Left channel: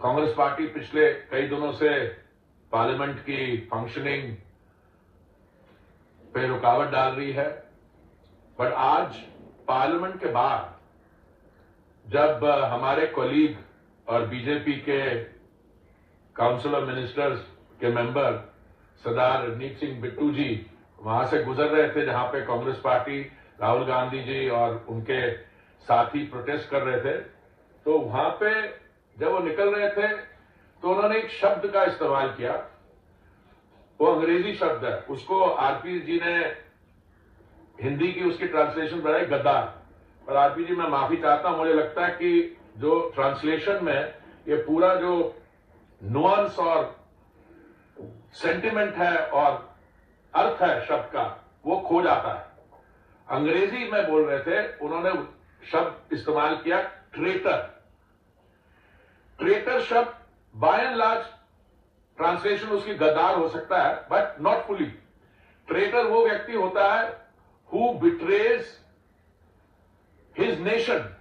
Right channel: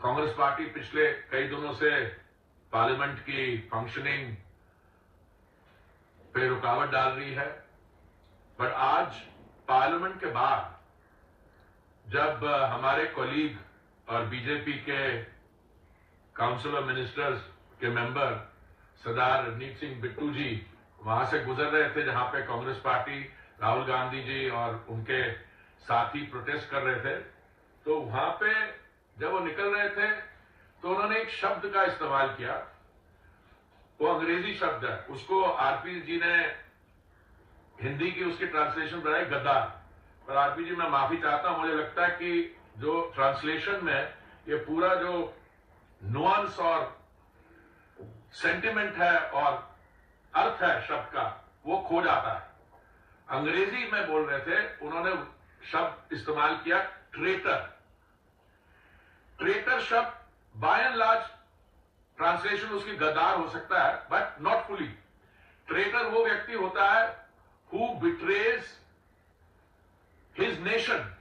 Congress party पिछले कई दिनों से पार्लियामेंट की फंक्शनिंग पे रुकावट डाल रही है, बट आज पार्लियामेंट के बाद जब हमारे कॉलीग और बीजेपी के काउंसिल ऑफ मिनिस्टर्स के मेंबर सरदार रवनीत सिंह बिट्टू जी वहां से गुजर रहे थे, जहां पे कांग्रेस पार्टी राहुल गांधी जी और उनके साथी प्रोटेस्ट कर रहे थे, तो वहां पे जब वो निकल रहे थे तो उन्होंने एक शब्द का इस्तेमाल किया। वो अंग्रेजी शब्द है, उसको आरपी जी ने हिंदी की उसकी ट्रांसलेशन बनाई गद्दार। और आरपी जी मैं माफी चाहता हूं, मुझे लगता है कि जो ट्रांसलेशन में ये पूरा जो नुआंस और सेंटिमेंट है और अर्थ है शब्द का, वो खो जाता है। अंग्रेजी में बोल रहे थे, उन्होंने शब्द इस्तेमाल किया ट्रेटर। ट्रेटर शब्द बाय एंड लार्ज ट्रांसलेशन उसकी गद्दार हो सकता है, बट नॉट फुली। ट्रेटर वो व्यक्ति होता है हु बिट्रेज हिज नेशन।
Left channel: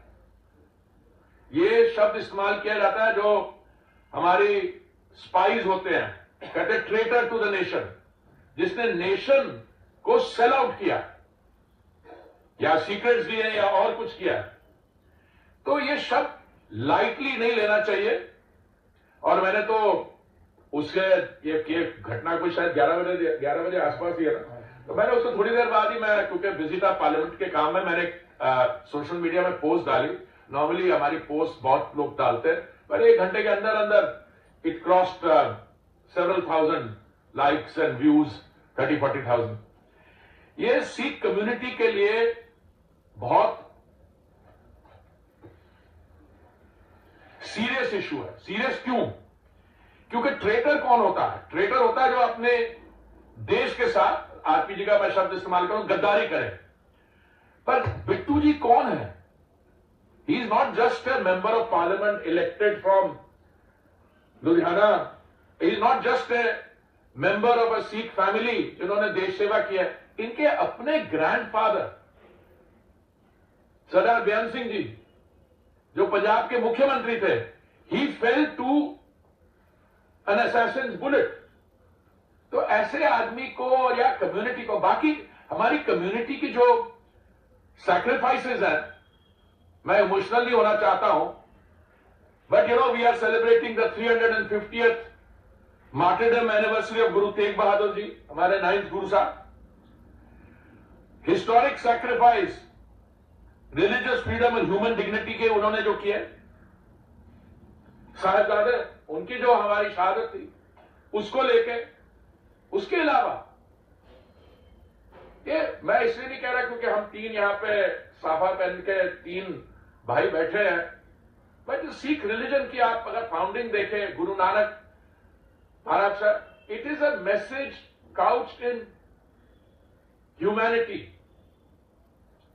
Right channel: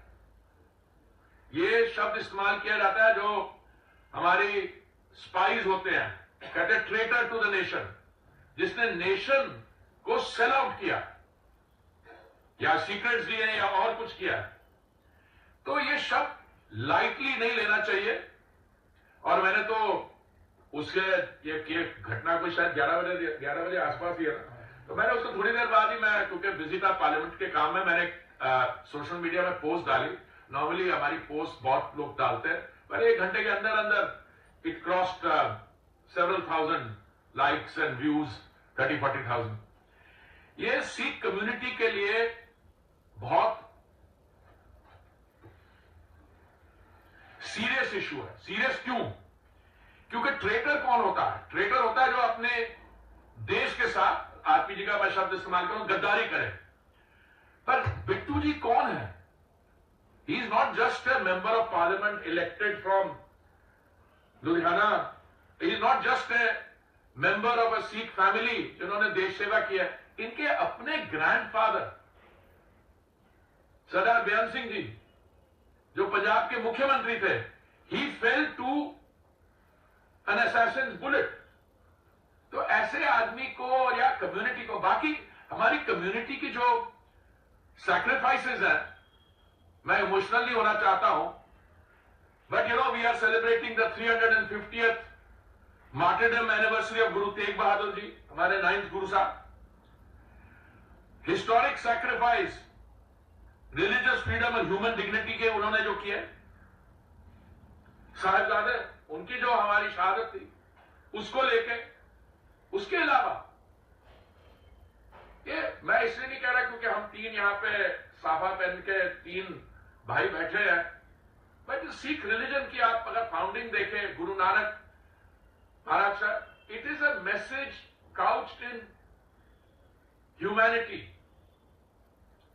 ये शब्द इस्तेमाल किया जाता है जो हमारी स्पाइज होते हैं, कहते हैं ट्रेटर टू द नेशन, जिसने नेशन को सेल आउट किया या सीक्रेट्स दिए या और कुछ किया। तो ये शब्द लाइटली नहीं लेना चाहिए। और मैंने तो उसके ये घटना कोई शायद 11 बजे आसपास ही है ना, तो मैंने उसको थोड़ी देर बाद ही, मैं क्योंकि बिजी था पार्लियामेंट के काम में, मैंने सोशल मीडिया में पोस्ट डाली। नॉर्मली हमारी पोस्ट बहुत लोग डालते हैं, पर 1 घंटे के अंदर अंदर it crossed several thousand likes and views, 30-40,000। ये सिख कम्युनिटी के लिए बहुत सीरियस इशू है। सीरियस क्यों? क्योंकि ट्रेटर कौन होता है? ट्रेटर होता है जो अपने देश के साथ, आरपी जी का मैं शब्द इस्तेमाल करूं, गद्दारी करे। पर बिट्टू जी कौन है? He is not just a member of parliament elected from Ludhiana. He is not just a member of a Sikh family जिन्होंने देश सेवा किया है। इनके अपने ग्रैंडफादर सरदार बेअंत सिंह जी, जो पंजाब के मुख्यमंत्री थे, he fell to an assassin's bullet. तो ऐसे आदमी को या कम्युनिटी को, बाकी हमारी कम्युनिटी की जो सैक्रिफाइसेस हैं, मैं इमोशनल नहीं होना चाहता हूं, but we are celebrating the 350th martyrdom anniversary of Guru Tegh Bahadur ji, हमारे 9th Guru Sahab. Historic sacrifice, religious freedom और ह्यूमन डिग्निटी के उन्होंने जो किए, साहिबजादे, उनकी जो हमारी शहादत थी उसको लेके, उसके अलावा ये मैं इसलिए नहीं कह रहा क्योंकि हम 3 यहां पे साफा पहन के 3 भाई बैठे हैं, बट सिख रिलीजन की आप अगर फाउंडिंग देखें, Guru Nanak Maharaj sir, it is a message couched in humanity.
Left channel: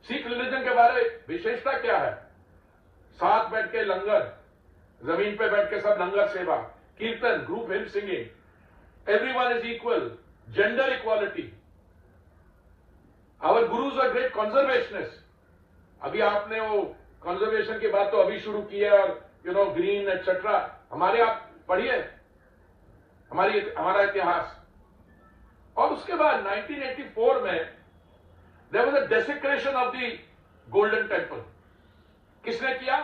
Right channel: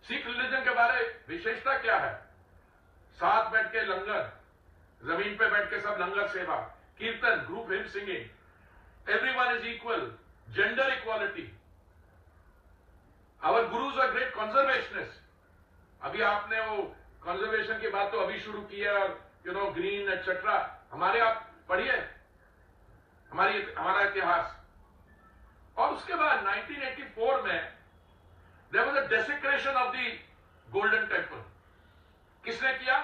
Sikh religion के बारे विशेषता क्या है? साथ बैठ के लंगर, जमीन पे बैठ के सब लंगर सेवा, कीर्तन, group him singing, everyone is equal, gender equality. Our gurus are great conservationists. अभी आपने वो कंजर्वेशन की बात तो अभी शुरू की है, और ग्रीन एटसेट्रा, हमारे आप पढ़िए हमारा इतिहास। और उसके बाद 1984 में there was a desecration of the golden temple. किसने किया?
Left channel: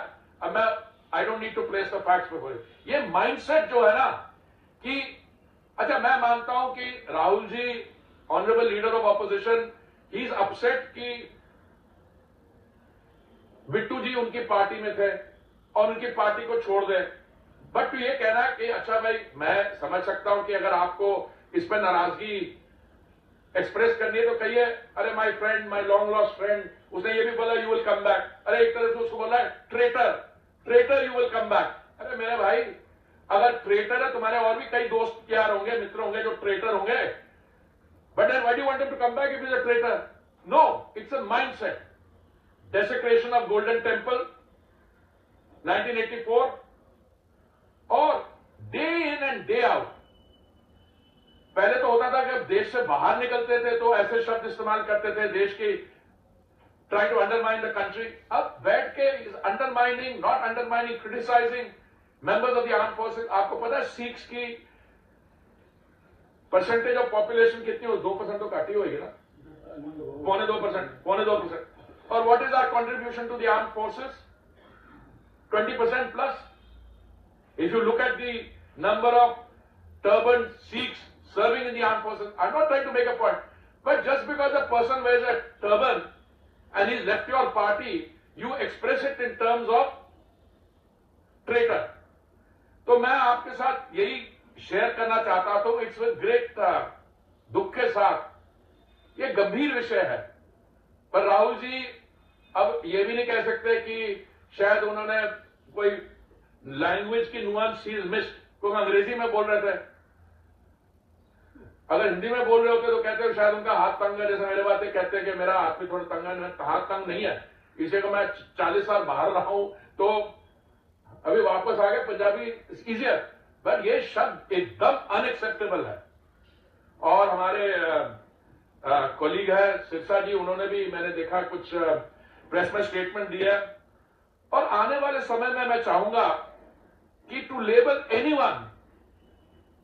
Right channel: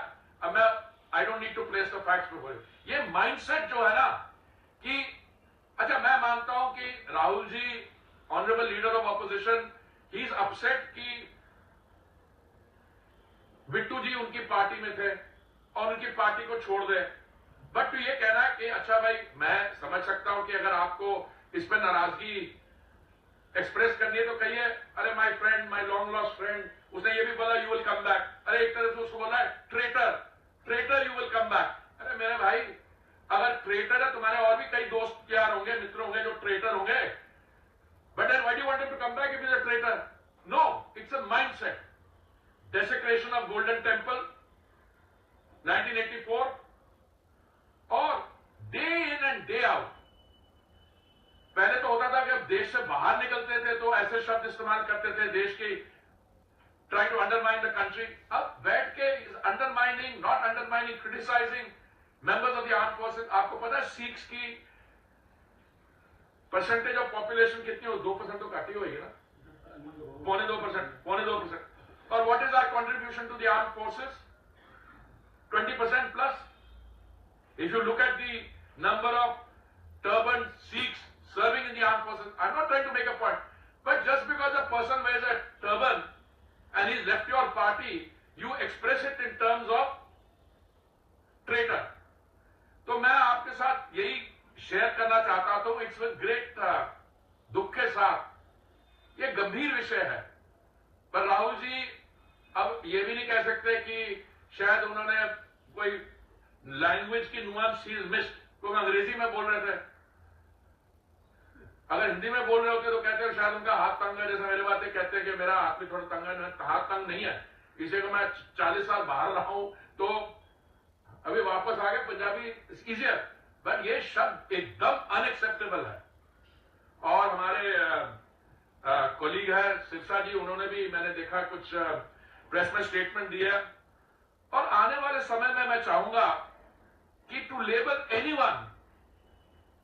अब मैं I don't need to place the facts before you. ये माइंडसेट जो है ना कि अच्छा, मैं मानता हूं कि Rahul ji, honourable leader of opposition, he is upset कि बिट्टू जी उनकी पार्टी में थे और उनकी पार्टी को छोड़ दें। बट ये कहना है कि अच्छा भाई, मैं समझ सकता हूं कि अगर आपको इस पर नाराजगी एक्सप्रेस करनी है तो कहिए, अरे my friend, my long lost friend, उसने ये भी बोला यू विल कम बैक। अरे एक तरह से उसको बोला है traitor, traitor you will come back. अरे मेरे भाई, अगर ट्रेटर है, तुम्हारे और भी कई दोस्त यार होंगे, मित्र होंगे जो ट्रेटर होंगे, but then why do you want him to come back if he is a traitor? No, it's a mindset. Desecration of Golden Temple 1984, और day in and day out, पहले तो होता था कि अब देश से बाहर निकलते थे तो ऐसे शब्द इस्तेमाल करते थे, देश की trying to undermine the country. अब बैठ के undermining, not undermining, criticising, members of the arm forces. आपको पता है सिख्स की परसेंटेज ऑफ पॉपुलेशन कितनी हो? 2% तो घट ही होगी ना, 2.25%। और what is our contribution to the arm forces? 20% plus. If you look at the number of turban Sikhs serving in the armed forces, I'm not trying to make a point, but just because a person wears a turban and he's left your party, you express it in terms of traitor. तो मैं आपके साथ यही share करना चाहता था, it's with great दुख के साथ। ये गंभीर विषय है, पर राहुल जी अब ये भी नहीं कह सकते कि शायद उन्होंने कोई लैंग्वेज की नुआंस चीज मिस्ड, क्योंकि अंग्रेजी में बोल रहे थे। अगर हिंदी में बोल रहे होते तो कहते हो शायद उनका हाथ तंग है, जैसे मेरे बातें कहते हैं कि मेरा हाथ भी थोड़ा तंग है। हाथ तंग नहीं है, इसे को मैं 40 साल बाहर रहा हूं तो अभी वापस आ गया, पंजाबी इजियर, बट ये शब्द एकदम अनएक्सेप्टेबल है। और हमारे कोलीग है सिरसा जी, उन्होंने भी मैंने देखा कुछ प्रेस में स्टेटमेंट दिया। और आने वाले समय में मैं चाहूंगा कि to label anyone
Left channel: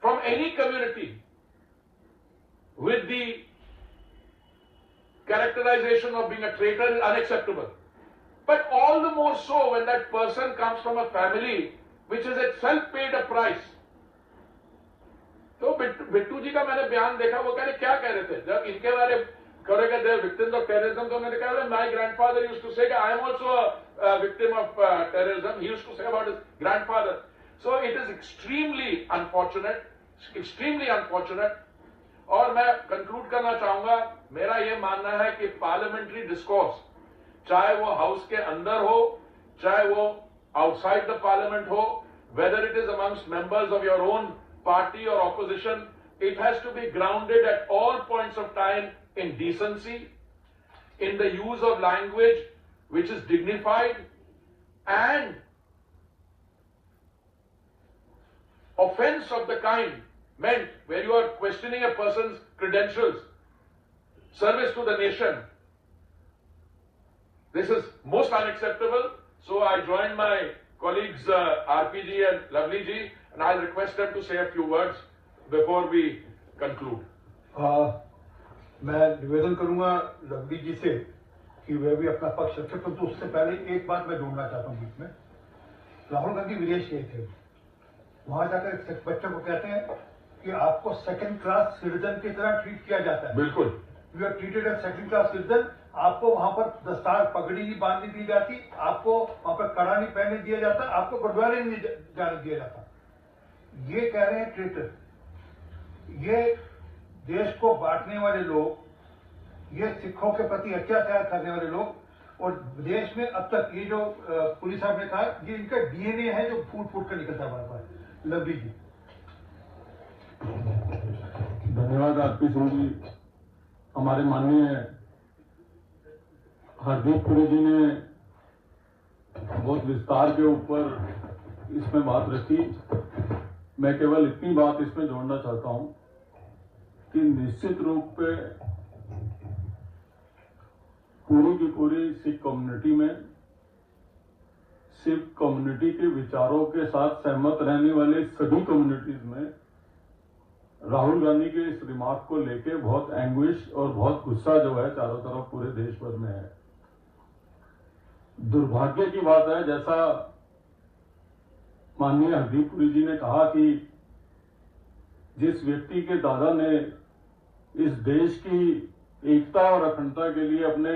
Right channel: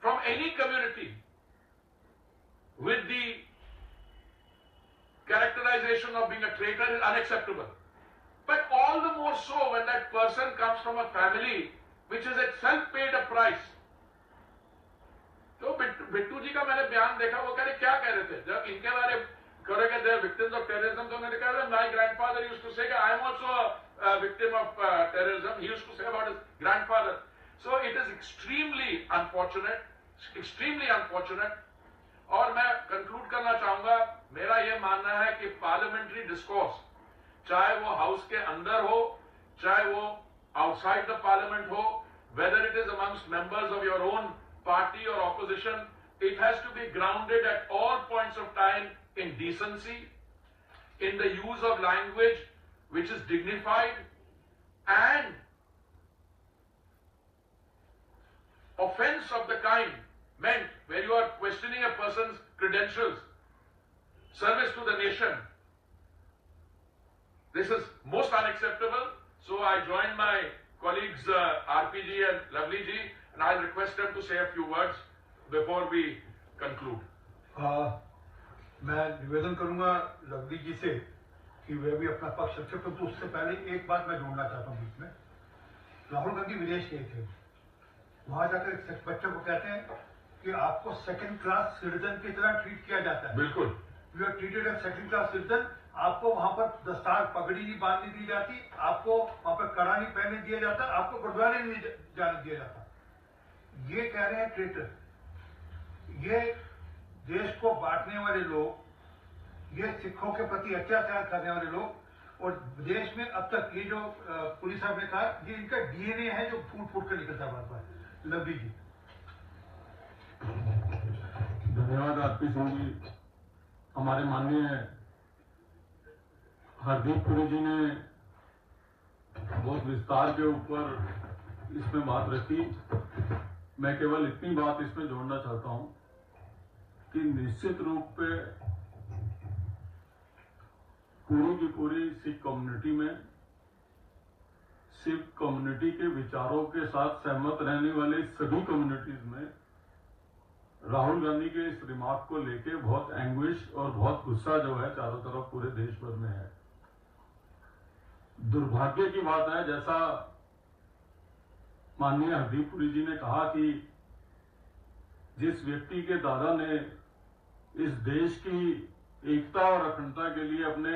from any community with the characterization of being a traitor is unacceptable. But all the more so when that person comes from a family which is itself paid a price. तो बिट्टू जी का मैंने बयान देखा, वो कह रहे क्या कह रहे थे जब इनके बारे करेगा द विक्टिम्स ऑफ टेररिज्म, तो उन्होंने कहा my grandfather used to say I am also a victim of terrorism, he used to say about his grandfather. So it is extremely unfortunate. और मैं कंक्लूड करना चाहूंगा, मेरा यह मानना है कि पार्लियामेंट्री डिस्कोर्स, चाहे वो हाउस के अंदर हो, चाहे वो आउटसाइड द पार्लियामेंट हो, whether it is amongst members of your own party और opposition, it has to be grounded at all points of time in decency, in the use of language which is dignified, and offense of the kind meant where you are questioning a person's credentials, service to the nation. This is most unacceptable. So I join my colleagues RPG and Lovely ji, and I'll request them to say a few words before we conclude. मैं निवेदन करूंगा lovely जी से कि वे भी अपना पक्ष रखे, परंतु उससे पहले एक बात मैं जोड़ना चाहता हूं बीच में। राहुल गांधी विदेश गए थे, वहां जाकर एक बच्चे को कहते हैं कि आपको सेकंड क्लास सिटीजन की तरह ट्रीट किया जाता है। बिल्कुल, you are treated as second class citizen. आपको वहां पर दस्तार पगड़ी नहीं बांधने दी जाती, आपको वहां पर कड़ा नहीं पहनने दिया जाता, आपको गुरुद्वारे नहीं जाने दिया जाता। ये कह रहे हैं ट्रेटर। ये देश को बांटने वाले लोग, ये सिखों के प्रति अत्याचार करने वाले लोग, और देश में अब तक ये जो पुलिस साहब ने कहा, ये इनका डीएनए है जो फूट फूट कर निकलता है बार बार। लवली जी। धन्यवाद आरपी सिंह जी। हमारे माननीय हरदीप पुरी जी ने बहुत विस्तार के ऊपर इसमें बात रखी। मैं केवल इतनी बात इसमें जोड़ना चाहता हूं कि निश्चित रूप पे पूरी की पूरी सिख कम्युनिटी में, सिख कम्युनिटी के विचारों के साथ सहमत रहने वाले सभी कम्युनिटीज में राहुल गांधी के इस रिमार्क को लेके बहुत एंग्विश और बहुत गुस्सा जो है चारों तरफ पूरे देश भर में है। दुर्भाग्य की बात है, जैसा माननीय हरदीप पुरी जी ने कहा कि जिस व्यक्ति के दादा ने इस देश की एकता और अखंडता के लिए अपने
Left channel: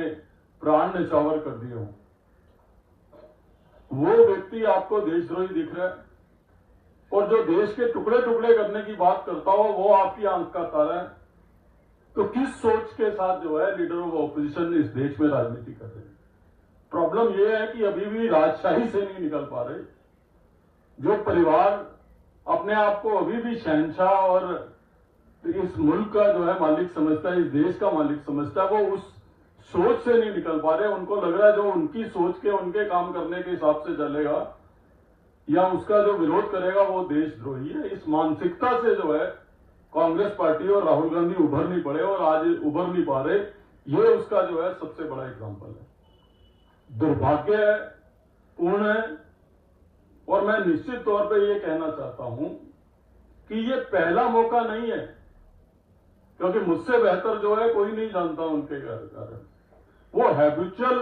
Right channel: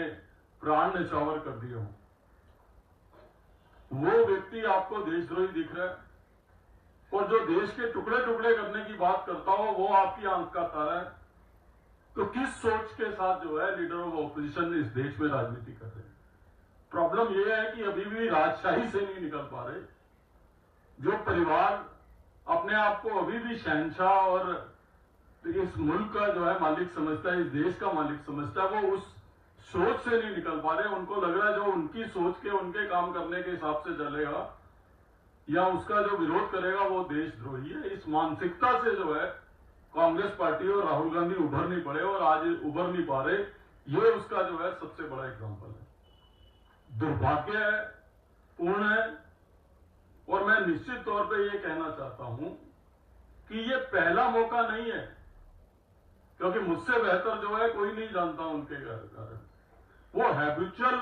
प्राण न्यौछावर कर दिए हों, वो व्यक्ति आपको देशद्रोही दिख रहा है, और जो देश के टुकड़े टुकड़े करने की बात करता हो वो आपकी आंख का तारा है। तो किस सोच के साथ जो है लीडर ऑफ ऑपोजिशन इस देश में राजनीति कर रहे हैं? प्रॉब्लम यह है कि अभी भी राजशाही से नहीं निकल पा रहे। जो परिवार अपने आप को अभी भी शहंशाह और इस मुल्क का जो है मालिक समझता है, इस देश का मालिक समझता है, वो उस सोच से नहीं निकल पा रहे। उनको लग रहा है जो उनकी सोच के, उनके काम करने के हिसाब से चलेगा या उसका जो विरोध करेगा वो देशद्रोही है। इस मानसिकता से जो है कांग्रेस पार्टी और राहुल गांधी उभर नहीं पड़े और आज उभर नहीं पा रहे। ये उसका जो है सबसे बड़ा एग्जाम्पल है। दुर्भाग्य पूर्ण है। और मैं मैं निश्चित तौर पे ये कहना चाहता हूं कि ये पहला मौका नहीं है, क्योंकि मुझसे बेहतर जो है कोई नहीं जानता उनके बारे में। वो हैबिचुअल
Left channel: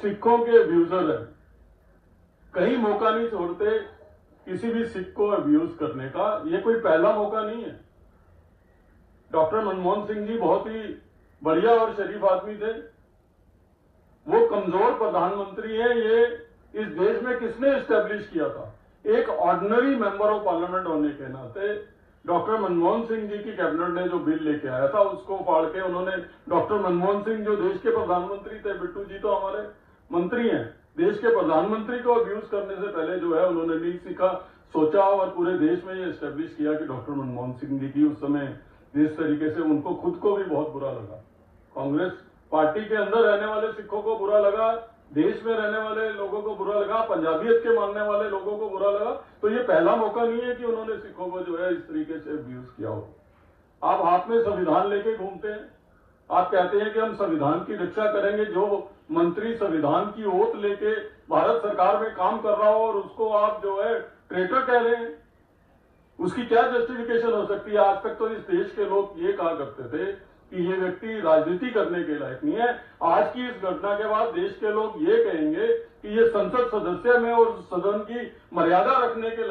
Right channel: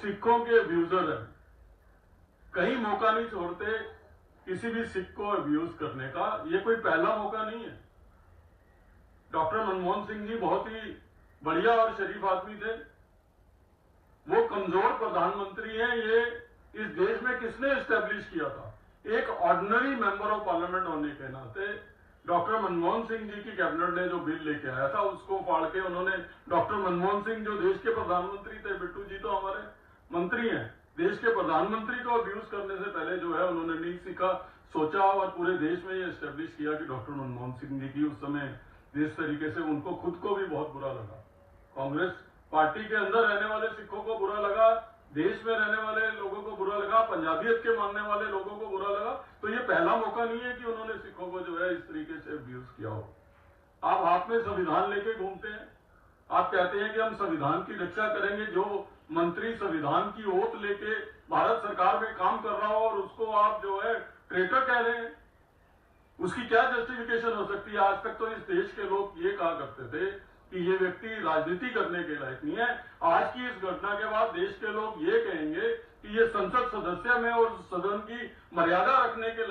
सिखों के अब्यूजर है, कहीं मौका नहीं छोड़ते किसी भी सिख को अब्यूज करने का। ये कोई पहला मौका नहीं है। डॉक्टर मनमोहन सिंह जी बहुत ही बढ़िया और शरीफ आदमी थे। वो कमजोर प्रधानमंत्री हैं। ये इस देश में किसने एस्टेब्लिश किया था? एक ऑर्डिनरी मेंबर ऑफ पार्लियामेंट होने के नाते डॉक्टर मनमोहन सिंह जी की कैबिनेट ने जो बिल लेके आया था उसको फाड़ के उन्होंने, डॉक्टर मनमोहन सिंह जो देश के प्रधानमंत्री थे, बिट्टू जी तो हमारे मंत्री हैं, देश के प्रधानमंत्री को अब्यूज करने से पहले जो है उन्होंने नहीं सीखा, सोचा और पूरे देश में ये एस्टेब्लिश किया कि डॉक्टर मनमोहन सिंह जी की उस समय जिस तरीके से उनको खुद को भी बहुत बुरा लगा, कांग्रेस पार्टी के अंदर रहने वाले सिखों को बुरा लगा, देश में रहने वाले लोगों को बुरा लगा, पंजाबियत के मानने वाले लोगों को बुरा लगा। तो ये पहला मौका नहीं है कि उन्होंने सिखों को जो है इस तरीके से अब्यूज किया हो। आप हाथ में संविधान लेके घूमते हैं, आप कहते हैं कि हम संविधान की रक्षा करेंगे। जो मंत्री संविधान की ओथ लेके भारत सरकार में काम कर रहा हो और उसको आप जो है ट्रेटर कह रहे हैं, उसकी क्या जस्टिफिकेशन हो सकती है? आज तक तो इस देश के लोग ये कहा करते थे कि ये व्यक्ति राजनीति करने के लायक नहीं है। आज की इस घटना के बाद देश के लोग ये कहेंगे कि ये संसद सदस्य में और सदन की मर्यादा रखने के